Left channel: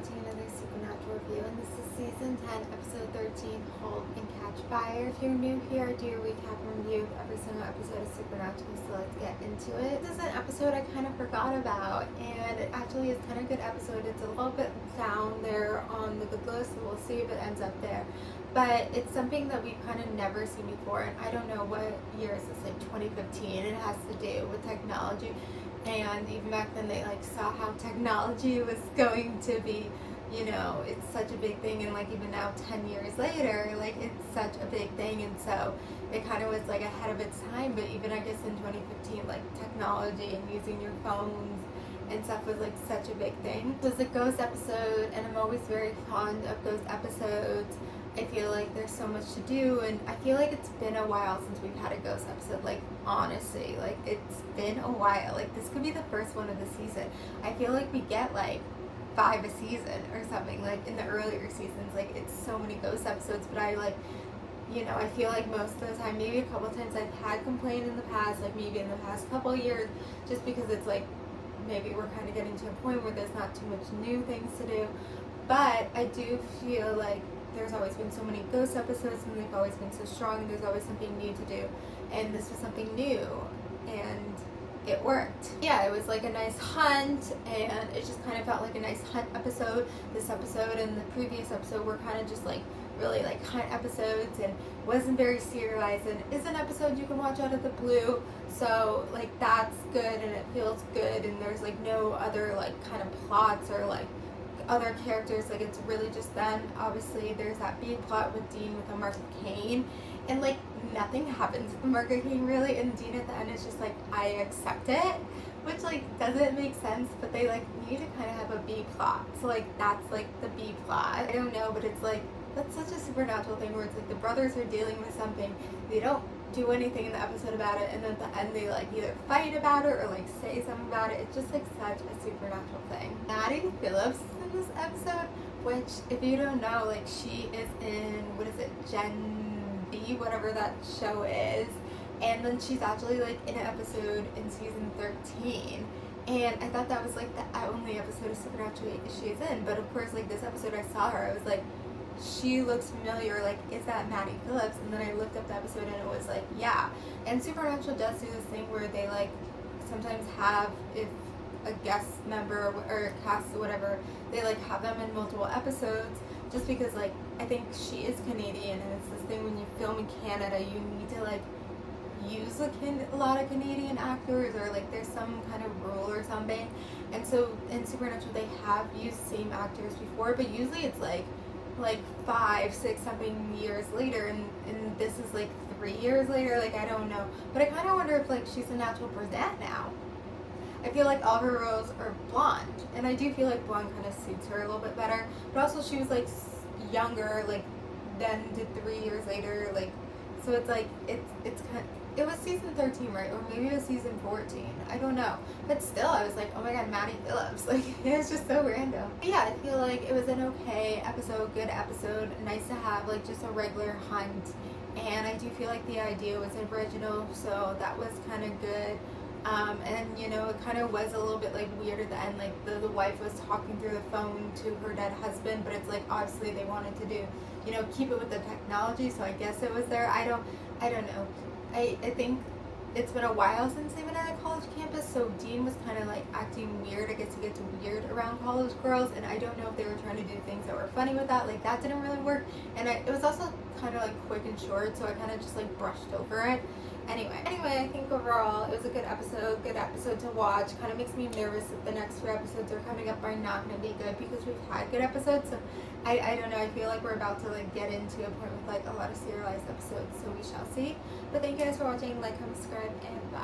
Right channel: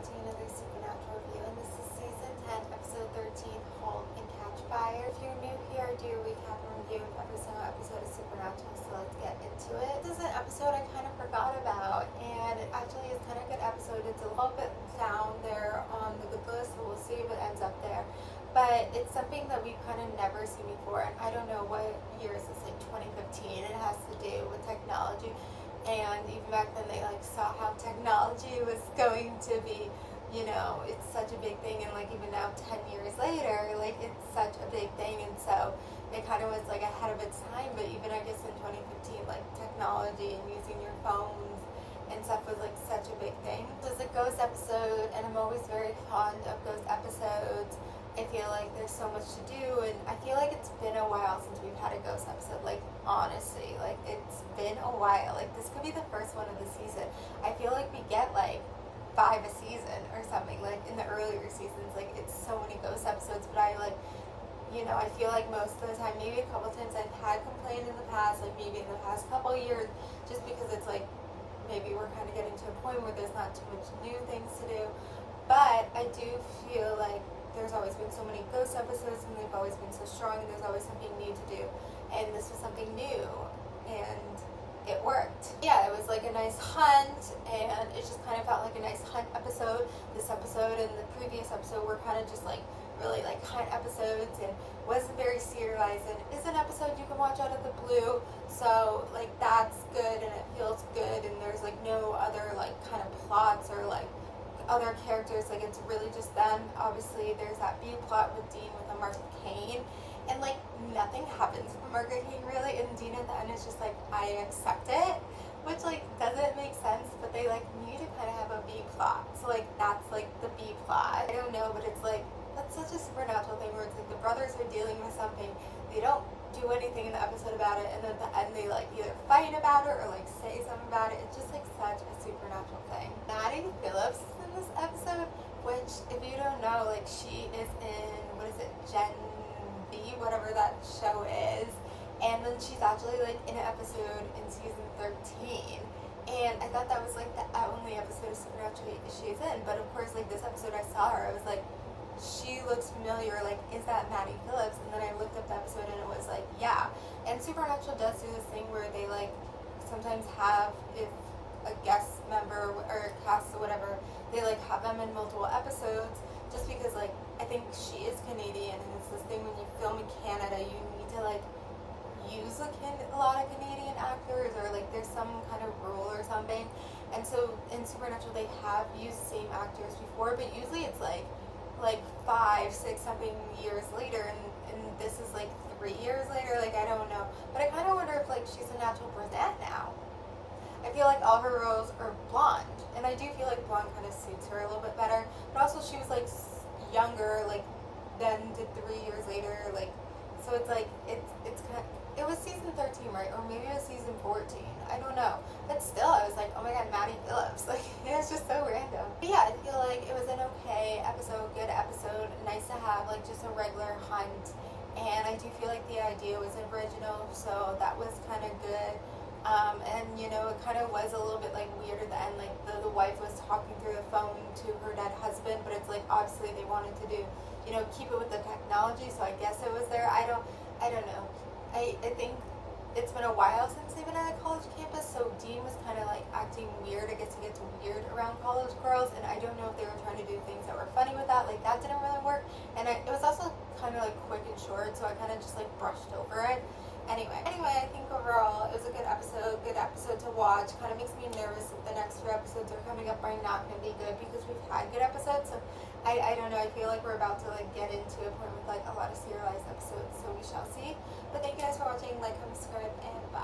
watching another Supernatural review, and this is Season 10, Episode 13, Halt and Catch Fire. If you're new here, I do recap and review every single episode of Supernatural, so let's get into it. This is an episode I kind of forgot about, and it actually is kind of a good episode. It's a little bit down there on the good list, so we'll see if it ends up there. But it's something that we kind of never seen before, and I don't know what year is this, like 2015. It has to do with technology. And even back then they saw how technology was going to be, it's such a big thing, and even now 10 years later, it's such a big thing, and so it kind of was ahead of its time. But even I guess in 2015, technology and using your phones and stuff was such a big thing. It was a ghost episode, and I'm always very fond of ghost episodes. I feel like there's so much to do, and I feel like it's been a while since we've had a ghost episode. Honestly, it's been a while. This could be the first one of the season. I feel like we get 5 a season or something. In the earlier seasons, it's so many ghost episodes. But I I feel like most of the time, maybe a couple times I've had complained in the past, maybe in the past couple of years, just because it's maybe we're kind of getting to a point where there's not too much new things to do. But I do feel like there's always been so many ghost episodes, and they've always been so strong, and there's always something new to do, and this was something new, and it worked. Yeah, it was a nice hunt, and it just kind of felt like a nice hunt episode. This episode and the previous episode were kind of just really hunt episodes, and wasn't very serialized, and is an episode you can watch out of the blue, so that's good, and it feels good, and there's no other kind of plots or other characters. It's really just them. Obviously there's that B plot with Dean with a Mark Kane, and nothing happens with Mark Kane really, and Dean at the end is just I accept it, which doesn't make sense, but they need to kind of have a B plot, so that's the B plot. I don't know, but it's that's such a Supernatural thing where it's the brothers are dealing with something, they don't do anything in the episode about it, and at the end they either fight about it or say something about it. It's just such a Supernatural thing. Maddie Phillips is in this episode, which if you don't know, she is in, what is it, Gen B, whatever that show is, and then she's actually in an episode in season 13, and I thought that was the only episode of Supernatural she's in. But of course this episode I saw her, I was she looks familiar, is that Maddie Phillips? And then I looked up the episode, and it was yeah. And Supernatural does do this thing where they sometimes have, if a guest member or cast or whatever, they have them in multiple episodes, just because I think she is Canadian, and it's this thing when you film in Canada, you need to use a lot of Canadian actors, or there's some kind of rule or something. And so in Supernatural they have used same actors before, but usually it's 5, 6 something years later, and this is 3 years later. I don't know, but I kind of wonder if she's a natural brunette now. I feel all her roles are blonde, and I do feel blonde kind of suits her a little bit better, but also she was younger than did 3 years later, so it's it's kind of, it was season 13, right? Or maybe it was season 14. I don't know. But still, I was oh my god, Maddie Phillips. It was just so random. But yeah, I feel it was an okay episode, good episode. Nice to have just a regular hunt. And I do feel the idea was original, so that was kind of good. And it kind of was a little bit weird at the end. The wife was talking through the phone to her dead husband, but it's obviously they wanted to do, keep it with the technology, so I guess it was there. I don't know. I think it's been a while since they've been at a college campus, so Dean was kind of acting weird. I guess he gets weird around college girls, and I don't know if they were trying to do things that were funny with that. That didn't really work, and it was also kind of quick and short, so I kind of just brushed over it. Anyway, I think overall it was a good episode to watch. Kind of makes me nervous that the next 3 episodes are coming up are not going to be good, because we've had good episodes, so I don't know, I feel we're about to get into a point with a lot of serialized episodes, so we shall see. But thank you guys for watching, comment, subscribe, and bye.